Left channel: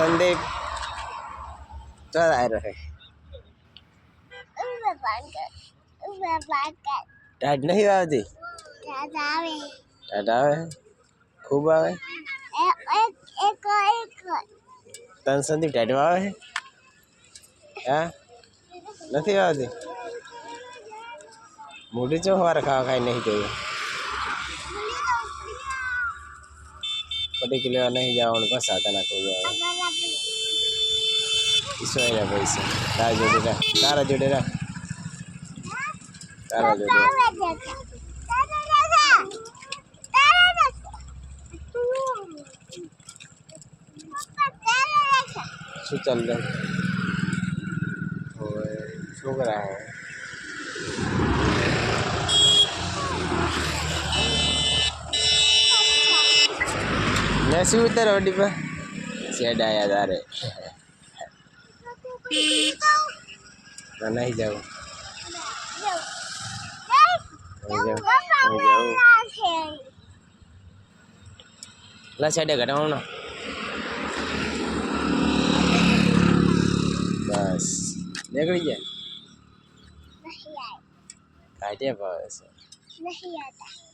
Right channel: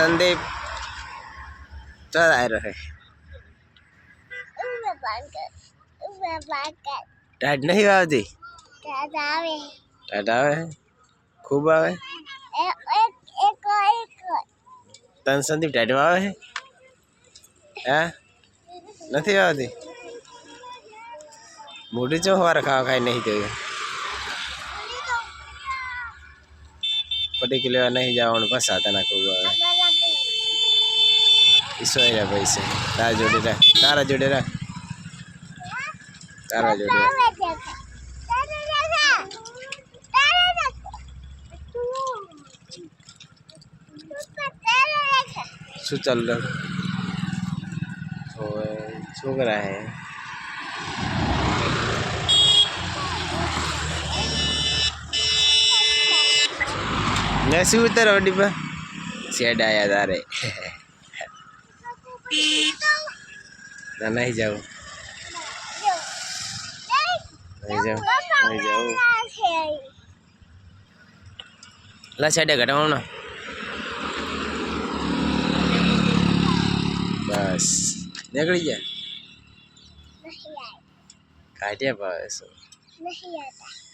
संदीप चल आ रहे टाइट नहीं आवती टाइट आवे खूब आवे तन संदीप टाइट आवे है नहीं आवती मोटी चो हमारा खावा खाई नहीं चाहिए पटी किलो नहीं जाओ बस आता ना खूब आवे ईसो है पैसे तारा जोड़े रहा तारा जोड़े शू चल रहा शू करा है मैं शू उतर रोडी पर शेड आया तारे ना नहीं जाओ नहीं जाओ ला शेड घटाओ ना बस निकल गया काटिया पास नहीं आता